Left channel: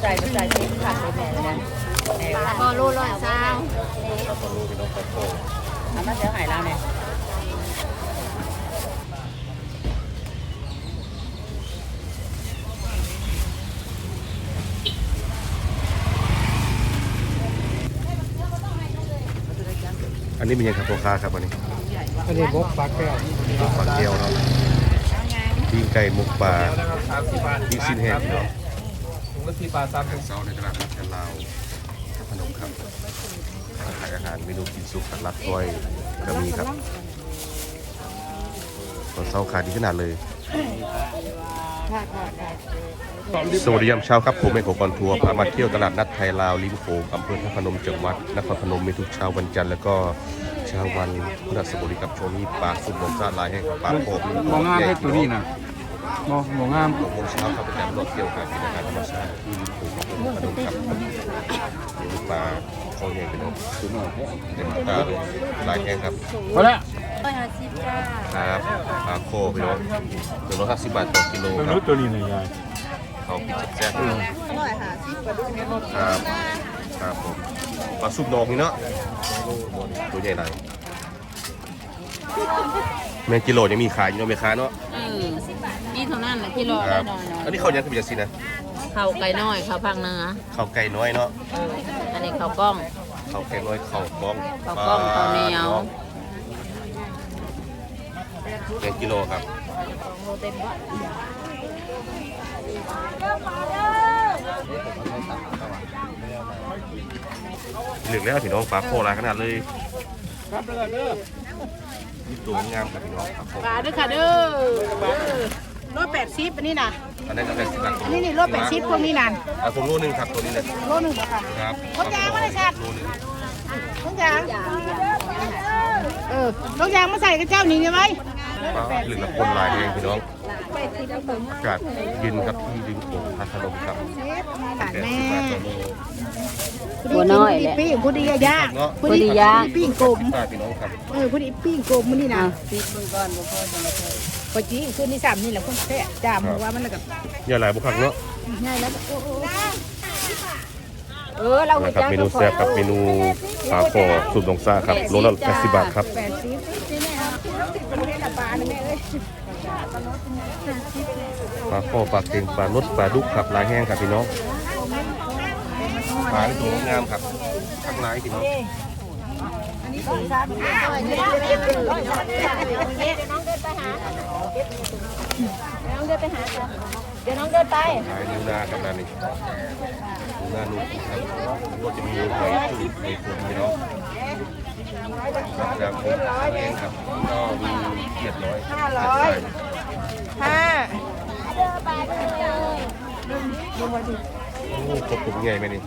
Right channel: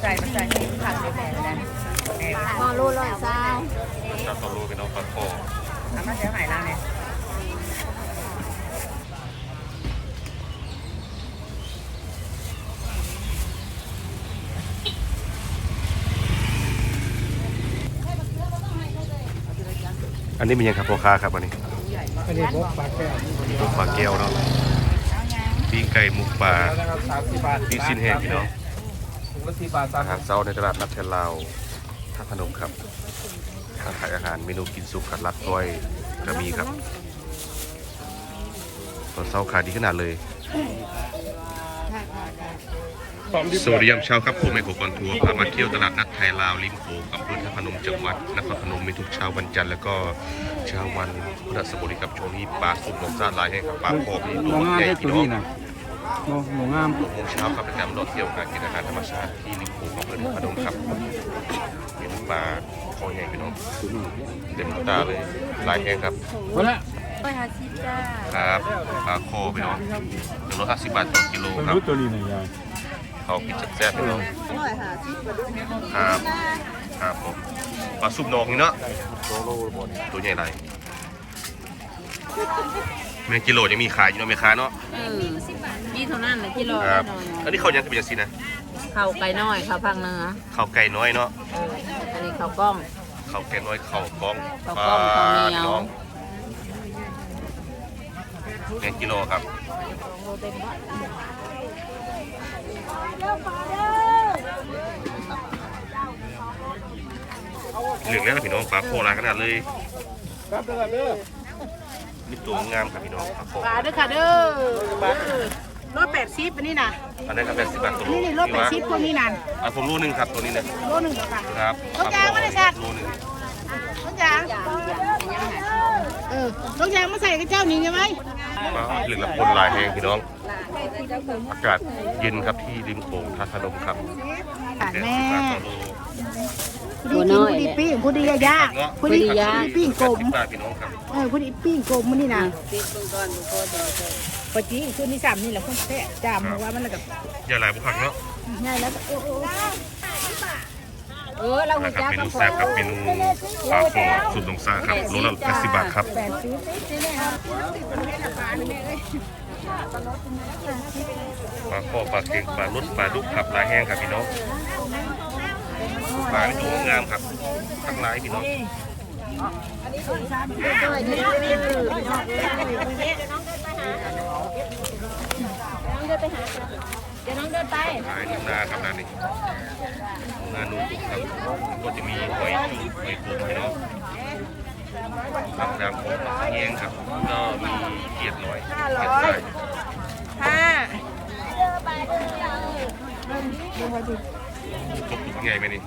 ใส่ใส่ที่ผักในแม่นะแม่ปลาพอรู้ร้อยเศร้าชาวตอลูพี่น้องปลาโคน้ำมันเสียหายแล้วเนี่ยอันนี้เป็นยังครับพ่อค้าครับวันนี้อันนี้บกปลาแก้วมุกปลาแก้วเนาะปิ้งไก่มุกปลาสามสิบบาทปิ้งสิ้นแห้งพี่น้อง ถุงละสี่บาทสาอาหารเช้าในตลาดนัดกันลาวท่าพนมครับร้านขายอาหารเมนูกินสุกขัดลักก้อยก็มีครับตอนเช้าขายดีขนาดเลย สวัสดียามเช้าครับ ผมเอกกรทัวร์พามาเที่ยวตลาดนัดไทยลาวริมโขงอำเภอท่าพนมจังหวัดนครพนมมีทุกเช้าวันจันทร์แล้วก็เช้าวันพฤหัสบดีครับช่วงนี้ปลาสุดลมซาลายให้ครับปลาโคบมีตัวองงามใหญ่ได้พี่ตัวนี้นะ มองมองงามหกโมงเช้าครับเป็นการรถเที่ยวการกินอาหารธรรมชาติที่ริมโขงอำเภอท่าพนมครับเห็นปลาคอใหญ่พี่น้องตัวหน่อยเต็มตาเลยลายแห้งครับพอแล้วร้อยห้าสิบจ้าครับปลาโคพี่น้องหนึ่งร้อยห้าสิบบาทต่อกิโลไม่ครับรู้ตัวนี้หน่อยยายเขากินแซ่บๆพี่น้องร้อยห้าสิบกว่าดูครับครับผมปลาซุปนองนี่เนาะตัวใหญ่ไรแมงกิโลยังมีขายอยู่เนาะแม่ค้าเนาะ เออนี่เท่านั้นแหละที่รอคได้รับนอนอันนี้เขายังเป็นจังซี่นะข้าวไก่น้อยข้าวพังเนื้อเขาไก่น้อยเนาะเอออันนี้ข้าวกล้อง เขาไก่น้อยเขาบ้องข้าวกล้องข้าวเหนียวน้องแมงกิโลครับโลเต็มบ้านเหลืองแล้วพี่น้องปลาโคหลายขนาดเลยนี่ตัวงามครับพี่น้องปลาโค ปลาด้วยค่ะเด้อ รถแปดสิบอันนี้นะอันนั้นก็เป็นสิบบาทตัวอันนี้นี่รถแปดสิบพวกนี้นั่นอะผมรู้หนึ่งครับตัวนี้นะโลหนึ่งเหรอค่ะครับปลาโครู้หนึ่งจ้าเออต้องยางมาใส่กับเจ้านี้ใช่ไหมปลาเหลืองละคนลายแพงพี่น้อง อากาศเย็นครับที่ริมโขงท่าพนมครับค่ะแม่สิบบาทต่อโลผู้ดีกินผู้ดีปิ้งผู้ดีย่างผู้ดีปิ้งกลมสิบบาทพี่น้องครับเออผู้ดีปิ้งกลมมันนี่นะ ปจีคืนที่สามนี่แหละพุ่งแท้จามว่ามันแล้วกับอย่าหลายบุคักเนาะง่ายแล้วโอ้โหเออเรานะครับเมนูแซ่บครับเมนูปลาโคสูตรลงซ่าครับโลละแปดสิบบาทครับแปดสิบปลาเนี่ยแม่เอ้ยปลาโคปลาเค็งปลารสปลาดุกครับลายแห้งครับพี่น้องปลาที่ตัวงามครับข้างลายพี่น้อง เดี๋ยวน้องเดินไปขายนูนาครับร้านนี้นูนานูกุครับก็จะมีหอยจุ๊บหอยกุ้งพี่น้องครับยำผมแห้งครับก็มีเกียดร้อยเกียดใส่ห้าโอ้ครบถุงใหญ่ไหมนี่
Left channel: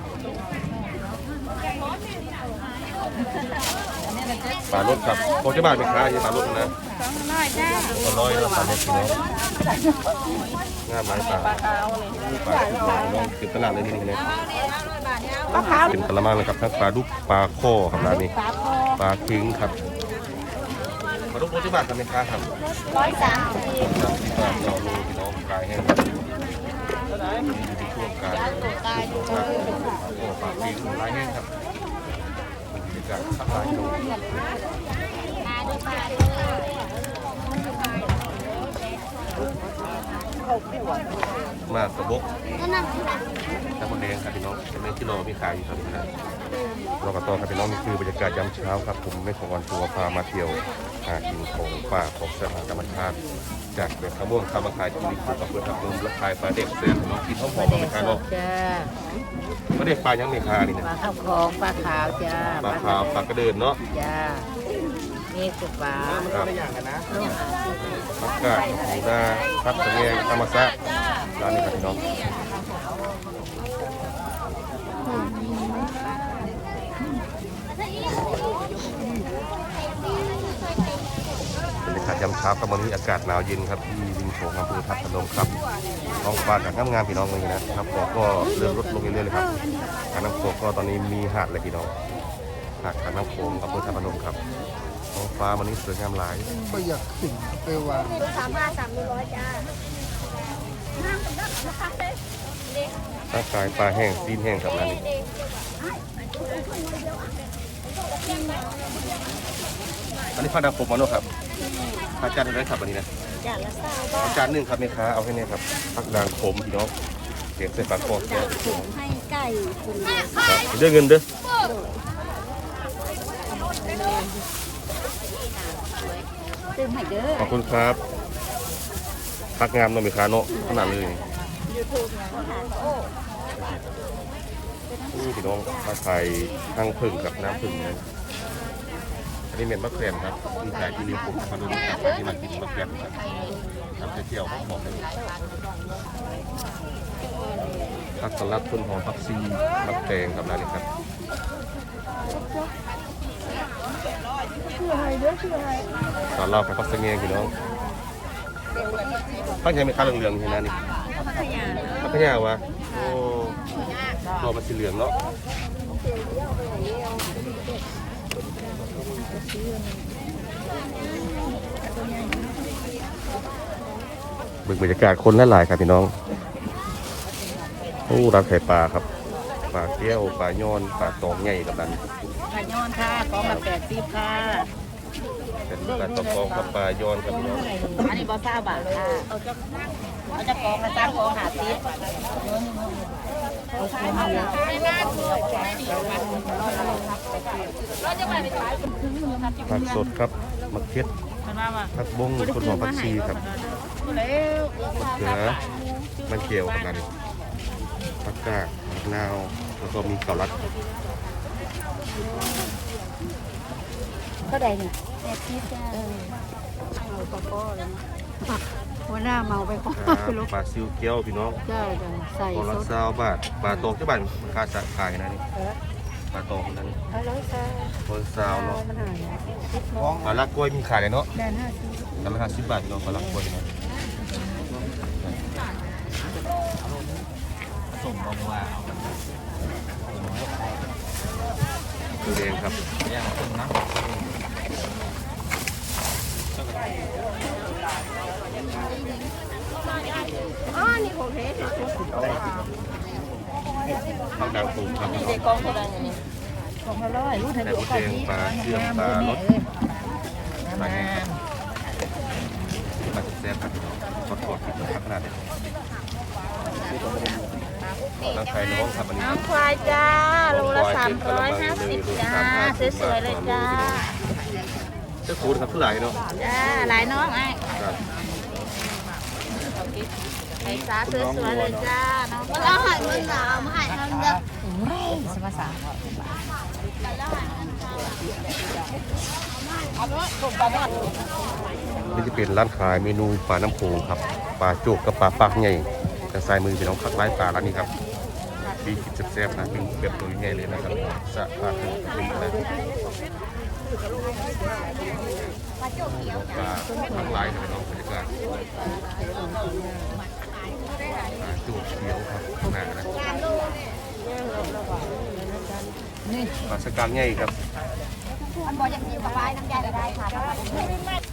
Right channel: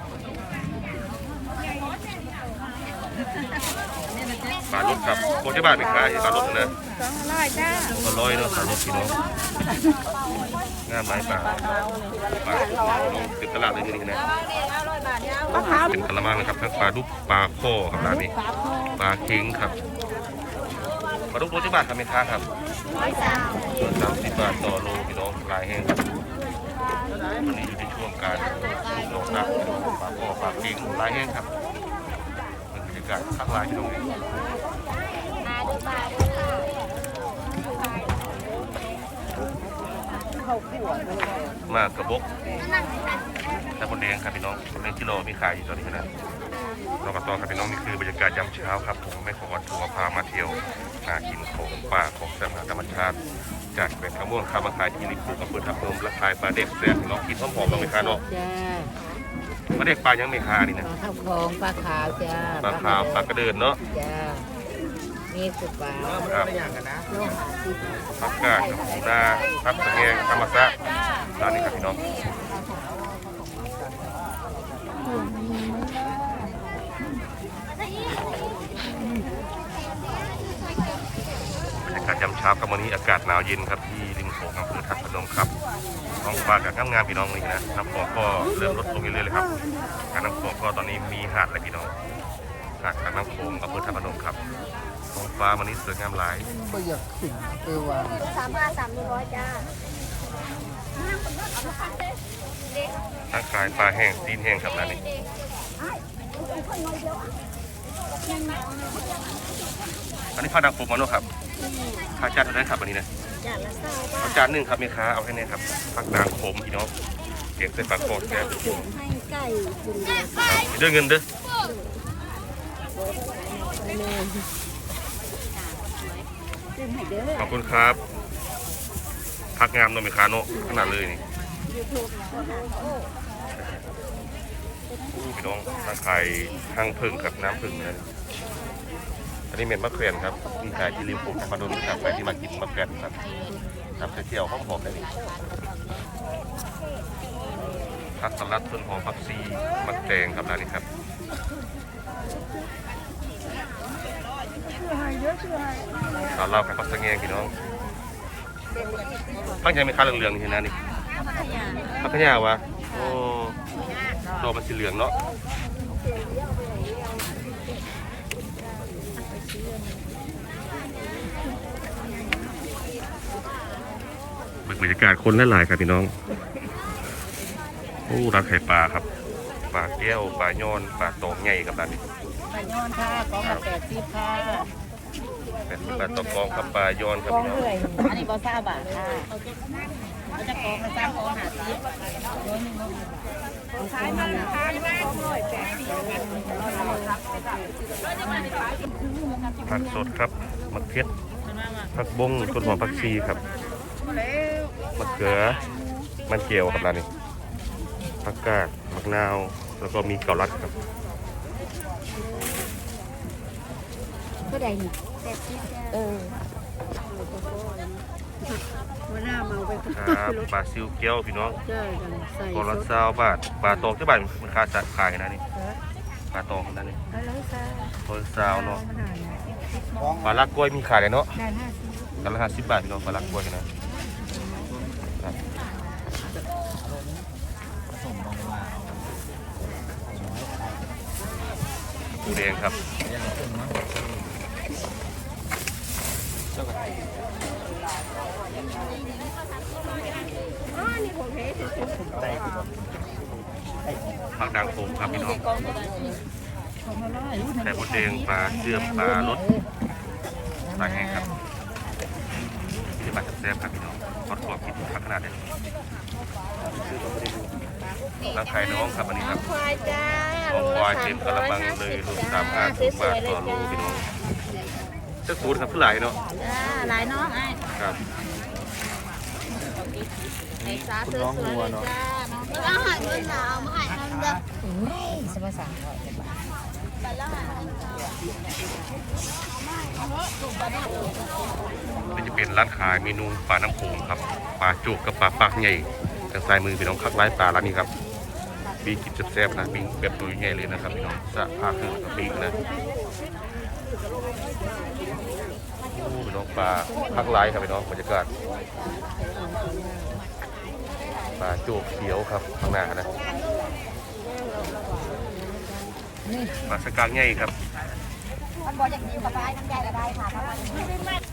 ปลารสครับโคจะบาทเป็นค้าที่ปลารสนะสองร้อยจ้าปลาร้อยเนาะปลารสพี่น้องงามหลายปลาปลาสุกน้องน้องติดตลาดเลยนี่นะปลาขาวเป็นกะละมังเลยครับทั้งปลาดุกปลาโคครับร้านนี้ปลาเค็งครับปลาดุกรสที่บาทครับแม่ค้าครับสามสิบบาทต่อโล พี่น้องขายแห้งครับนี่อยู่ในช่วงการสุกครับพี่น้องปลาโคปลาเค็งลายแห้งครับเป็นบรรยากาศข้างลายพี่น้องมากระบกแต่คนแดงครับพี่น้องในกิโลมีขายอยู่ตอนนี้นะ เราก็ต่อครับพี่น้องนี่คือบรรยากาศยามเช้าครับผมไม่ขอก่อนทัวร์พามาเที่ยวหากินของป่าของสถานธรรมชาติจากเป็นข้าวม่วงข้าวมาขายที่ริมภูกับเพื่อนทับลมและขายปลาเด็กแซ่บพี่น้องกินหอมหอมๆไหมคะเนาะจ้าปลาเด็กปลายังไม่คานี่ปนะลาข้าวคองปลาขาวจ้าปลาขาวปลากระเดินเนาะจ้านี่สุปลาครับผักกาดหมูนาครับสะแงงธรรมซะร้านนี้ครับพี่น้องบร รยากาศยามเช้าครับวันนี้อากาศหนาวเย็นครับที่ริมโขงอำเภอทับพนมครับท้องฟ้ากับงามงามๆพี่น้องเลยนะน้ำฝนก็เริ่มลดลงเรื่อยๆเลยครับการน้ำฝนก็ตอนนี้มีหาดเลยพี่น้องหาดทางน้ำโขงอำเภอทับพนมครับท้องฟ้าวันนี้สวยงามหลายไม่อยากขึ้นไปวางร่างกายปลาแห้งซีนแห้งครับร้านนี้อันนี้ข้าวดาวผมมาโน่ครับ ข้าวจานเท่าไหรครับอันนี้นะจานละเศร้าบาเอาทจานหนึ่งครับแม่ค้าเอาให้เนี่ยครับผักด่างขมพี่น้องเก็บใส่ปากกอดแก้จานถุงให้ไก่คุณเดียวครับเด้วยเงินเด้อซึ่งให้เด้อขอบคุณครับพักงามเนอะแม่ค้าเนาะขนาดเลยนี่นี่พี่น้องมาขายห้างพึ่งกับน้ำพึ่งนะ อันนี้เม็ดมะเขือนครับมีขายที่ริมผมมาดูนี่ครับไปที่มากินมะเขือนครับทำเที่ยวๆหอมๆได้นี่ผักสลัดต้นหอมผักซีมะแตงครับร้านนี้ครับตอนเราไปพักสะเงงพี่น้องพักยังไม่ค้าเหลืองๆนี่เห็นนะนี่พักขยาวะโอ้รอมันสีเหลืองเนาะ บึกบรรยากาศคนหลายๆครับพี่น้องโอ้ร้านไข่ปลาครับปลาแก้วปลาย้อนปลาตองใหญ่กับร้านนี้ปลาย้อนค่ะกองละแปดสิบค่ะเป็นปลาตองกองครับปลาย้อนครับพี่น้องอันนี้บอซ่าบาทค่ะเอาจะกองมาสร้างกองหาซิปเอาคูมาเลยผักสดครับมะเขือผักบงต้นหอมผักชีครับ มะเขือมันเจียวครับร้านนี้ผักกาดมะนาว แล้วก็มีเกาลัดครับเท่าใดนี่แปดสิบเออหัวหน้าเมาไปก่อนครับปลาซิวเกี๊ยวพี่น้องได้จ้ะใส่กอละซาวบาทปลาตองที่บ้านมันค่าจะขายนะนี่ปลาตองนั่นนี่ร้อยซ่ากอละซาวเนาะปลาลักกล้วยมีขายเลยเนาะได้ห้าสิบกันละห้าสิบบาทพี่น้องปลาลักกล้วยนะ ดูแดงครับอ๋อนี่ผมเห็นผักด่างปูครับพี่น้องกองเท่ปูเดงปลาเชื่อมปลารสปลาแห้งครับที่มาแซ่บครับพี่น้องทอดกรอบปิดผักขนาดนี้ร่า งไข่น้องครับอันนี้ครับควายจ้าของควายเต็มกระมังเลยรวมสามห้าสิบบาทต่อโลพี่น้องเจ้าคูณครับเท่าไหร่เนาะจ้าหลายน้องไอ้ครับไอ้สาสวยๆเลยจ้าน้องแล้วหายมันหนาวหายมันเด้อสมาสามนี่จะเป็นร้านขายเมนูปลาน้ำโขงครับปลาโจกกับปลาปากใหญ่ทางซ้ายมือพี่น้องคักไร้ปลาร้านนี้ครับมีกินแซ่บนะมีแบบตัวใหญ่เลยนะครับพี่น้องสะพาคือปีกนะพี่น้องปลาคักไร้ครับพี่น้องบรรยากาศปลาโจกเขียวครับข้างหน้านะปลาสกางใหญ่ครับมันบอกอย่างนี้กับไว้กันใหญ่ได้ค่ะ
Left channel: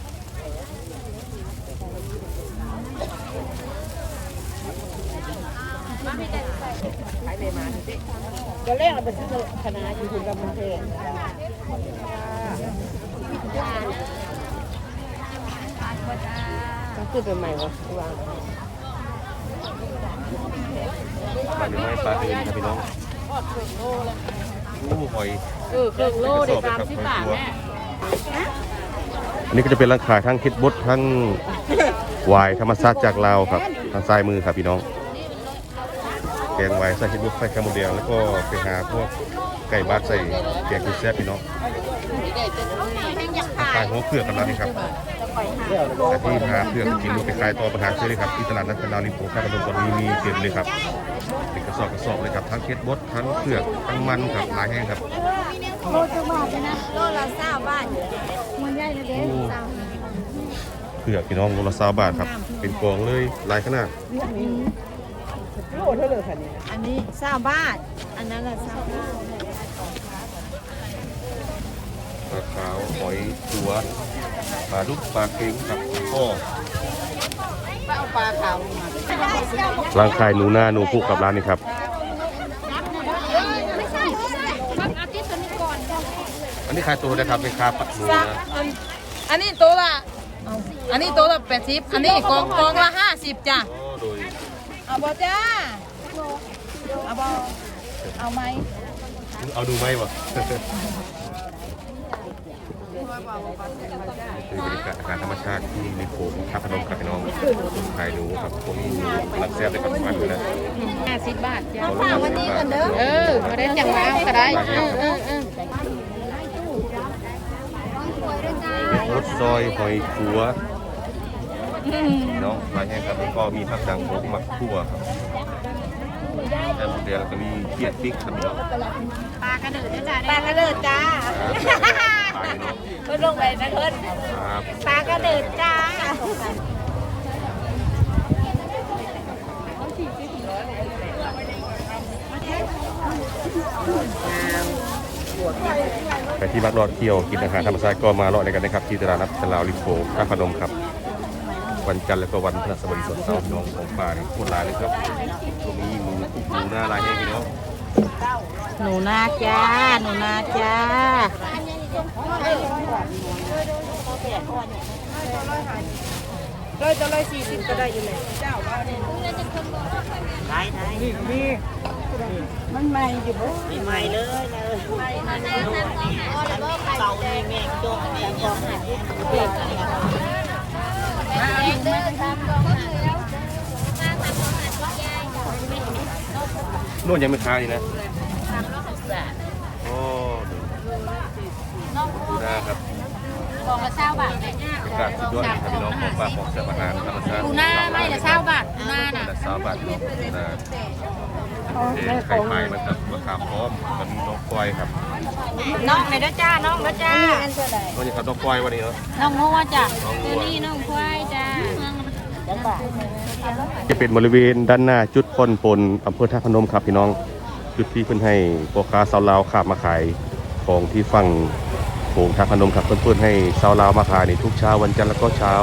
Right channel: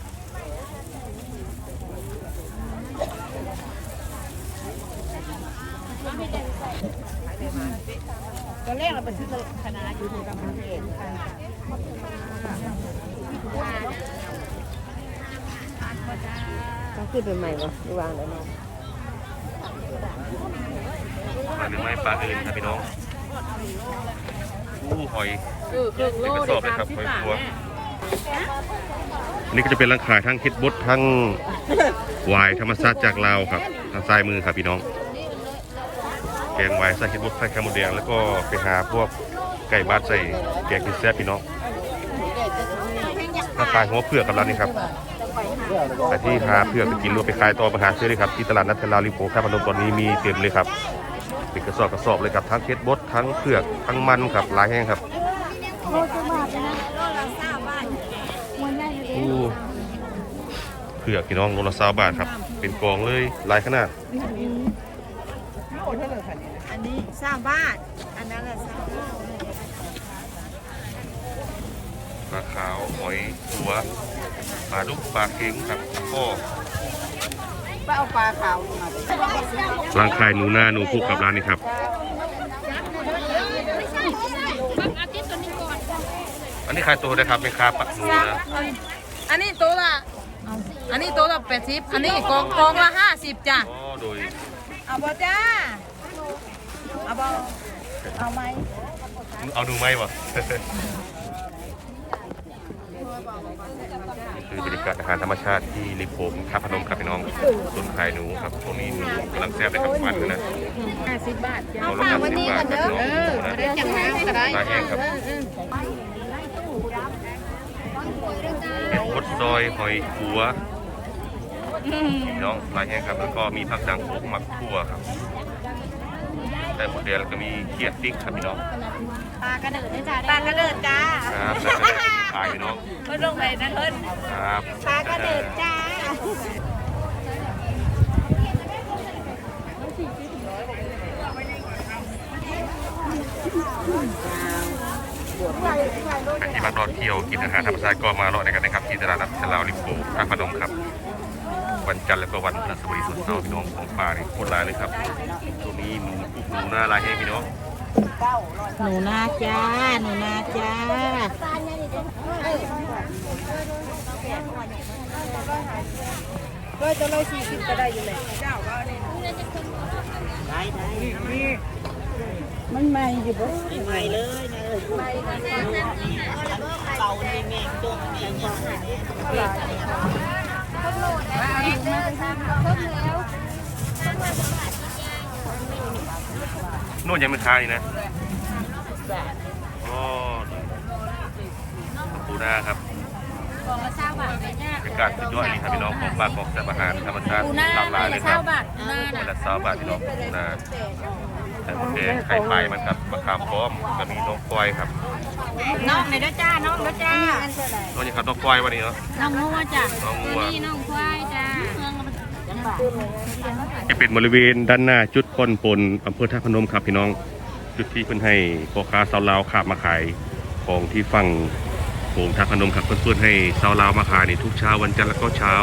ตอนแรกเราไปซื้อคณะอยู่ที่กำแพงต้องขึ้นไปใหม่เลยวางปลาหรือไม่ปลาอื่นครับพี่น้องอู้หอยเออครึ่งโลเป็นกระสอบเลยสามครับสิบหอยบาทครัวอันนี้ก็จะเป็นร้านขายทั้งเฮ็ดบดทั้งวายธรรมชาติจากลาวครับทางซ้ายมือครับพี่น้อง แกงวายใส่เฮ็ดบดใส่ข้าวหมูแดงแล้วก็ไปหาพวกไก่บ้านใส่แกงกินแซ่บพี่น้องร้านขายหัวเผือกกับร้านนี้ครับแต่ที่หาเผือกไปกินหรือไปขายต่อไปหาซื้อเลยครับที่ตลาดนัดเทลาวริมโขงท่าพนมตอนนี้มีเต็มเลยครับเป็นกระสอบกระสอบเลยครับทั้งเฮ็ดบดทั้งเผือกทั้งมันครับหลายแห้งครับโลจะบาทเลยนะโลละเก้าบาทมันใหญ่นะเด้อู้เผือกพี่น้องโลละ20บาทครับ เป็นกองเลยหลายขนาด เท่าไหร่ค่ะอันนี้ซาบาทอันนั้นแหละซาบาทปลาขาวหอยตัวปลาลูกปลาเก่งครับพ่อป้าปลาขาวร่างกายหนูหน้าหนูผูกกับร้านนี้ครับ อันนี้ขายตัวนะครับเป็นคาปะหนูนะอันนี้ตัวละอันนี้ตัวละแปดสิบอันนี้กองกองละห้าสิบจ้ะโดย เอาบ่จ้า เอาบ่เอาไหมเอาดูไหมบ่คือบรรยากาศอาหารธรรมชาติที่ริมโขงท่าพนมครับพี่น้องส่วนขายหนูครับพวกนี้หนูกำลังแซ่บเลยครับมันเลยนะห้าสิบบาทจ้าตัวละห้าสิบบาทครับพี่น้องเออนะมาได้จังหวะก็ได้ปลาแห้งครับเออเออรสซอยหอยขัว พี่น้องปลาแห้งครับ แล้วก็มีผักดังโขกหมักคั่วครับไข่หมดแดงแล้วก็มีเกี๊ยดพริกครับพี่น้องปลากระเดิดนะจ๊ะปลากระเดิดจ้าครับแล้วก็ขายพี่น้องเพิ่นลงไปนะเพิ่นครับปลากระเดิดจ้าใครที่รักรอดเที่ยวกินอาหารธรรมชาติก็มาเลาะในกันนะครับ ที่ตลาดนัดตลาดริมโขงท่าพนมครับ วันจันทร์แล้วก็วันพฤหัสบดีส่วนเสาร์พี่น้องของป่านี่โคตรหลายเลยครับตรงนี้หนูหนูหน้าลายให้พี่น้องหนูนาจ้า หนูนาจ้ามันใหม่อยู่บ่ใหม่เลยนะเต่านี่แม่งจงแม่งจง นวดยังไม่ค้านี่นะอ๋อดูหน้าครับกองละเช้าบาทแม่บรรยากาศสุดยอดเลยครับพี่น้องของป่าของแซ่บอาหารธรรมชาติปูหน้าหลากหลายเลยคเช้ารับบาทปูหน้าวันน่ะละสามบาทพี่น้องดูหน้าเอ๊ะไข่ไข่มันครับมะขามพร้อมก็มีน้องควายครับน้องเลยเด้อจ้าน้องเด้อจ้าน้องนี่ครับน้องควายวันนี้เนาะน้องงัวจ้ะน้องงัวนี่น้องควายจ้า จะเป็นบริเวณด้านหน้าจุดคนปนอำเภอท่าพนมครับพี่น้อง จุดที่เพิ่นให้ปกกาสาวลาวขับมาขายของที่ฝั่งโขงท่าพนมครับเพิ่อนๆให้สาวลาวมาขายในทุกเช้าวันจันทร์แล้วก็เช้า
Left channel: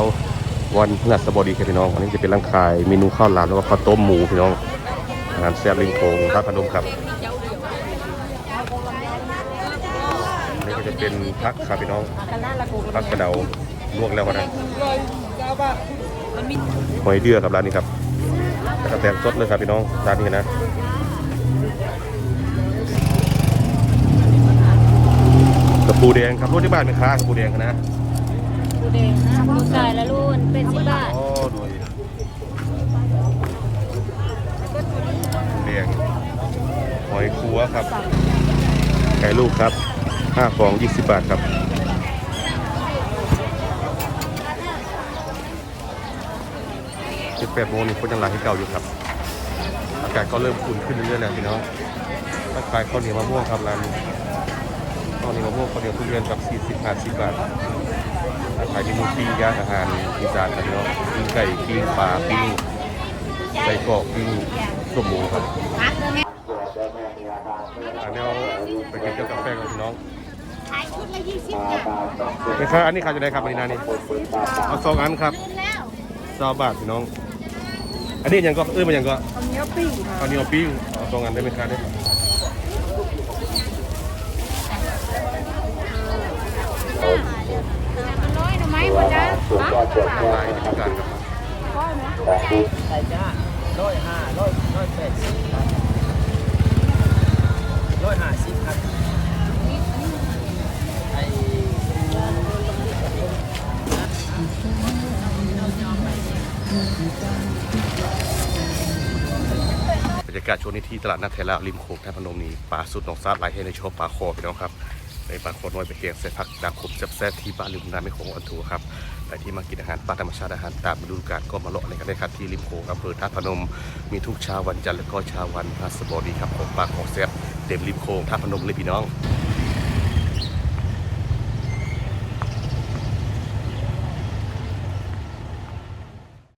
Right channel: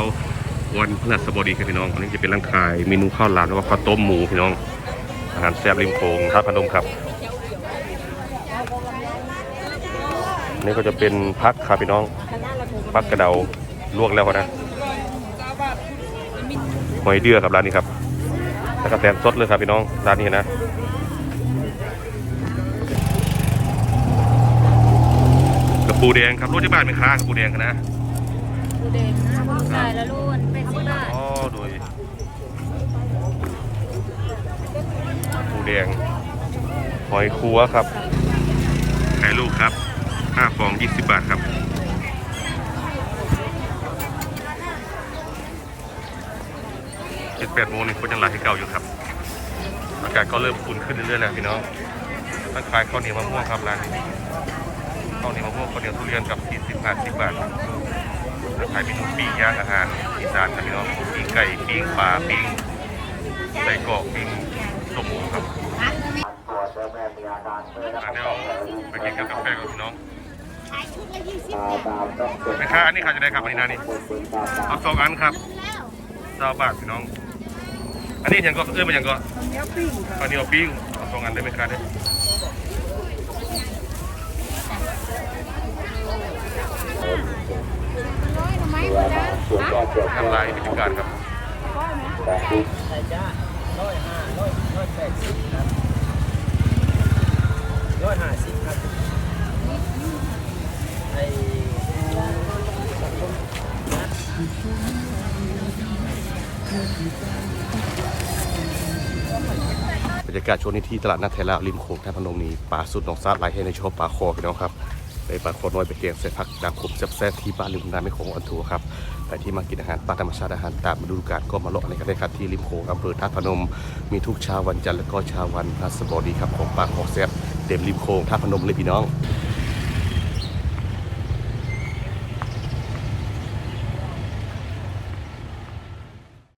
วันพฤหัสบดีครับพี่น้องอันนี้จะเป็นร้านขายเมนูข้าวหลามแล้วก็ข้าวต้มหมูพี่น้องอาหารแซ่บริมโขงท่าพนมครับนี่ก็จะเป็นพักครับพี่น้องพักกระเดาลวกแล้วนะ หอยเดือครับร้านนี้ครับแล้วก็แตนสดเลยครับพี่น้องร้านนี้นะกระปูแดงครับรถที่บ้านไม่ค้ากระปูแดงนะปูแดงไก่ละลูนเป็นสิบบาทอ๋อโดยปูแดงหอยคัวครับไก่ลูกครับห้าฟองยี่สิบบาทครับเจ็ด แปดโมงนี่คนยังหลายให้เก่าอยู่ครับ อากาศก็เริ่มอุ่นขึ้นเรื่อยๆแล้วพี่น้องตั้งขายข้าวเหนียวมะม่วงครับร้านนี้ข้าวเหนียวมะม่วงข้าวเหนียวทุเรียนกับสี่สิบห้าสิบบาทขายเมนูปิ้งย่างอาหารอีสานครับพี่น้องปิ้งไก่ปิ้งปลาปิ้งไก่กรอกปิ้งส้มหมูครับอันนี้เอาไปกินกับกาแฟกับพี่น้องขายชุดละยี่สิบไม่ครับอันนี้ขายจะได้ครับอันนี้นานี่เอาสองอันครับแล้วสามบาทพี่น้อง อันนี้ยังก็เอื้อมันยังก็อันนี้ปิ้งค่ะอันนี้เอาปิ้งเอาสองอันได้ไหมครับเนี่ยร้อยหน่อไม้หมดจ้ะฮะลายในพิการครับไข่จ้าร้อยห้าร้อยร้อยแปดสิบครับร้อยห้าสิบครับไอ้บ รรยากาศช่วงนี้ที่ตลาดนัดไทยลาวริมโขงท่าพนมนี้ปลาสุดหนองซาดหลายให้ในชอบปลาคอพี่น้องครับในปลาคอน้อยไปเตียงใส่ผักดังขมแซ่บๆที่บ้านริมน้ำไม่โขงอันทัวครับแต่ที่มากินอาหารปลาธรรมชาติอาหารตามฤดูกาลก็มาเลาะในกันได้ครับที่ริมโขงอำเภอท่าพนม มีทุกเช้าวันจันทร์และก็เช้าวันพฤหัสบดีครับของปลาของแซ่บเต็มริมโขงท่าพนมเลยพี่น้อง